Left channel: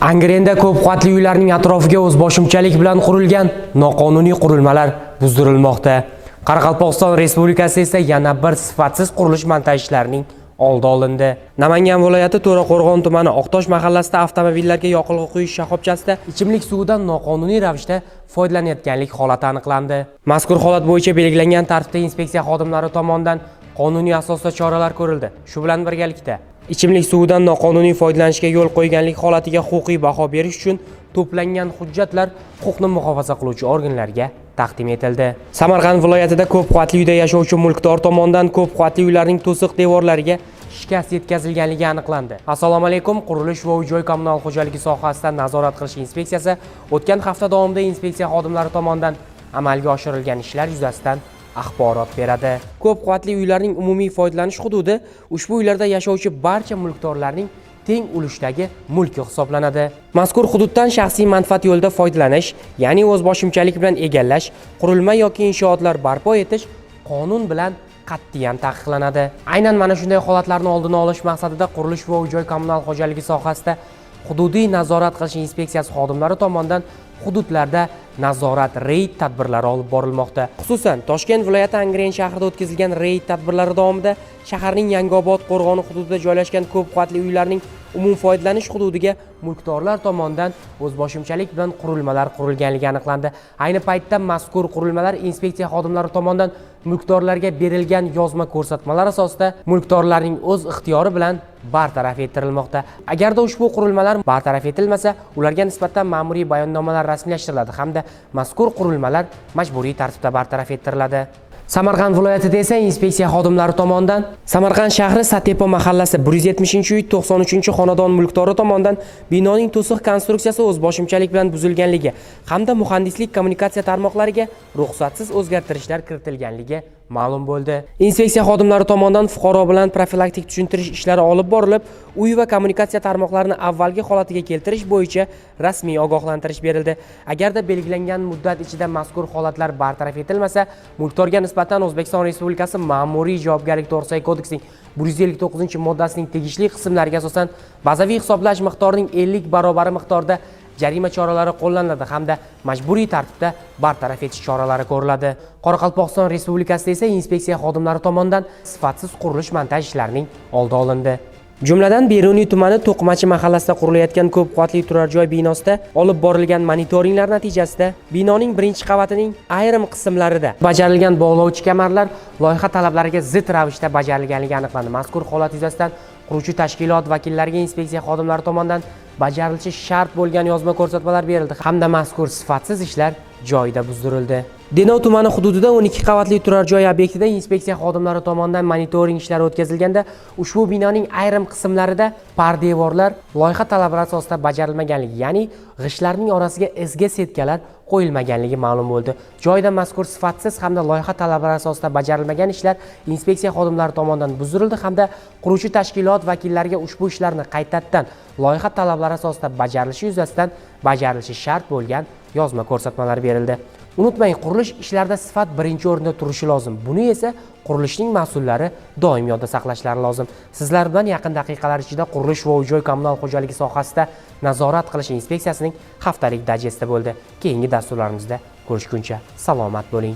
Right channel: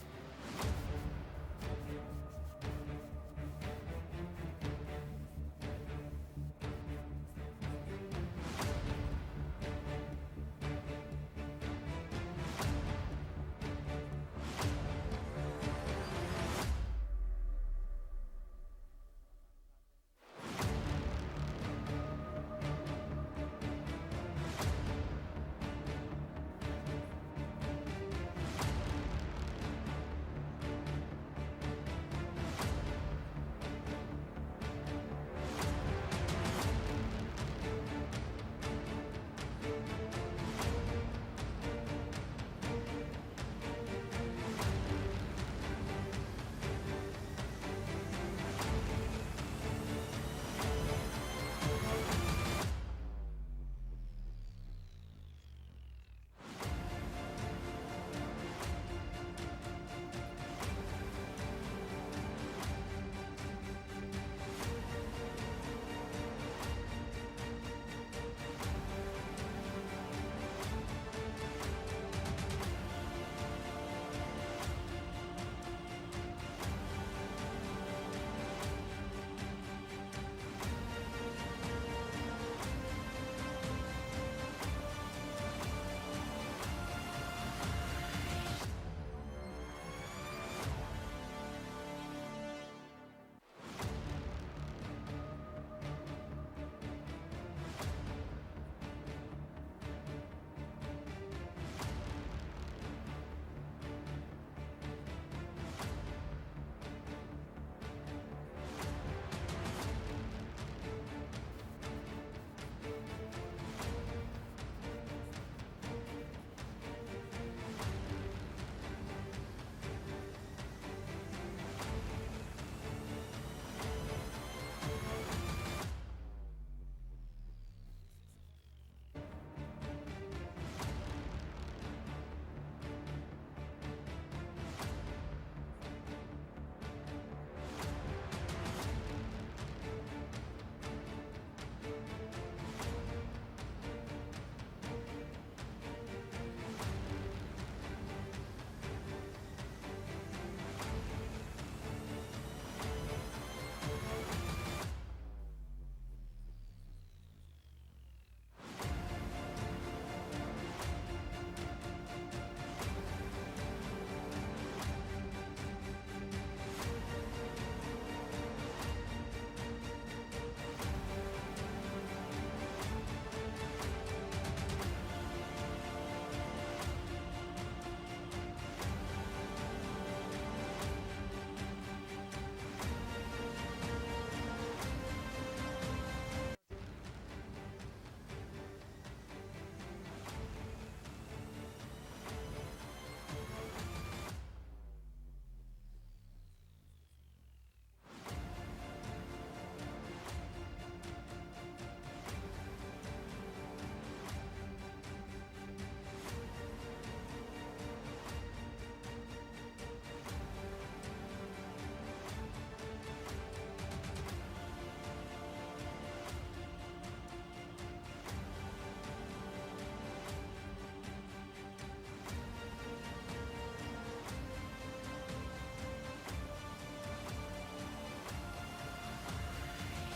Angrenda ko'p qavatli uylarning atrofiga o'zboshimchalik bilan qurilgan noqonuniy qurilmalar buzdirilmoqda. Qoraqalpog'iston Respublikasi esa yana bir sifatsiz qurilish montaj ishlarining oldi olindi. Namangan viloyati To'raqo'rg'on tumani Oqtosh mahallasida avtomobillarga yoqilg'i quyish shoxobchasida ichimlik suvidan noqonuniy ravishda foydalanayotganlik holati aniqlandi. Mazkur holat bo'yicha belgilangan tartibda inspeksiya xodimlari tomonidan qonuniy asosda choralar ko'rildi. Shu bilan birgalikda ichimlik suvidan noqonuniy foydalanishga yo'l qo'yganlik holatiga huquqiy baho berish uchun to'plangan hujjatlar huquqni muhofaza qiluvchi organlarga taqdim etildi. Samarqand viloyatida ko'p qavatli uyda yashovchi mulkdor tomonidan ko'p qavatli uylarning to'siq devorlariga shikast yetkazilganligi aniqlandi. Assalomu alaykum. Qurilish va uy-joy kommunal xo'jaligi sohasida nazorat qilish inspeksiyasi o'tgan hafta davomida inspeksiya xodimlari tomonidan amalga oshirilgan ishlar yuzasidan axborot beradi. Ko'p qavatli uylarning umumiy foydalanish hududi ushbu uylarda yashovchi barcha mulkdorlarning teng ulushdagi mulki hisoblanadi. Mazkur hududdan shaxsiy manfaat yo'lida foydalanish, ya'ni o'zboshimchalik bilan egallash, qurilma yoki inshootlar barpo etish qonun bilan qat'iyan taqiqlanadi. Aynan mana shunday holatlarni oldini olish maqsadida qurilish va uy-joy kommunal xo'jaligi sohasida hududiy nazorat qilish inspeksiyasi xodimlari tomonidan hududlarda nazorat reyd tadbirlari olib borilmoqda. Xususan, Toshkent viloyati Angren shahrida o'tkazilgan reyd tadbirlari davomida shaharning Yangiobod qo'rg'oni hududida joylashgan ko'p qavatli uylarning umum foydalanish hududiga mulkdorlar tomonidan o'zboshimchalik bilan qurilmalar qurilganligi aniqlandi. Ayni paytda mazkur qurilmalar inspeksiya xodimlari tomonidan mulkdorlarga berilgan yozma ko'rsatmalar asosida mulkdorlarning o'z ixtiyori bilan bartaraf ettirilmoqda. Agarda ushbu qurilmalar bartaraf etilmasa, ularga nisbatan ma'muriy bayonnomalar rasmiylashtiriladi hamda mazkur qurilmalar majburiy tartibda bartaraf ettiriladi. Samarqand viloyatida esa inspeksiya xodimlari tomonidan Samarqand shahri Satepo mahallasi 170-uy 93-xonadon mulkdori tomonidan binoning to'siq konstruksiyasi o'zboshimchalik bilan buzilganligi hamda muhandislik kommunikatsiya tarmoqlariga ruxsatsiz o'zgartirishlar kiritilganligi ma'lum bo'ldi. Inspeksiya xodimlari tomonidan fuqaro bilan profilaktik tushuntirish ishlari olib borilib, uy va kommunikatsiya tarmoqlarini avvalgi holatiga keltirish bo'yicha rasmiy ogohlantirish berildi. Agarda belgilangan muddat ichida mazkur holatlar bartaraf etilmasa, mulkdorga nisbatan O'zbekiston Respublikasi Ma'muriy javobgarlik to'g'risidagi kodeksining 159-moddasining tegishli qismlariga asosan bazaviy hisoblash miqdorining 50 barobar miqdorda jarima choralari qo'llaniladi hamda majburiy tartibda bartaraf etish choralari ko'riladi. Qoraqalpog'iston Respublikasida esa inspeksiya xodimlari tomonidan sifatsiz qurilish montaj ishlarining oldi olindi. Jumladan Beruniy tumani To'qimachi mahallasida qurilayotgan ko'p qavatli turar joy binosida olib borilgan monitoringlar natijasida binoning birinchi qavatining ayrim qismlarida bajarilgan bog'lovchi kamarlar loyiha talablariga zid ravishda bajarilganligi aniqlandi. Mazkur holat yuzasidan quruvchi tashkilot vakillariga inspeksiya xodimlari tomonidan bajarilishi shart bo'lgan yozma ko'rsatmalar berildi hamda mazkur sifatsiz ishlar joyida buzdirildi. Denov tumani hududida 12 qavatli turar joy obyektida inspeksiya xodimlari tomonidan monitoring ishlari o'tkazilganda ushbu binoning ayrim qismlarida pardevorlar loyiha talablari asosida bajarilmaganligi, ya'ni g'ishtlarning orasiga izga setkalar qo'yilmaganligi ma'lum bo'ldi. Joyda mazkur sifatsiz hamda loyiha talablari asosida bajarilmagan ishlar inspeksiya xodimlari tomonidan buzdirildi hamda quruvchi tashkilot vakillariga ushbu ishlarni qaytadan loyiha talablari asosida bajarilishi yuzasidan bajarilishi shart bo'lgan yozma ko'rsatmalar berildi. Unutmang, qurilish ishlarida sifat birinchi o'rinda turishi lozim. Buni esa qurilishning mas'ullari doim yodda saqlashlari lozim. Sizlar bilan yaqin daqiqalar ichida qurilish va uy-joy kommunal xo'jaligi sohasida nazorat qilish inspeksiyasining haftalik dajesti bo'ldi. Keyingi dasturlarimizda ko'rishguncha salomat bo'ling.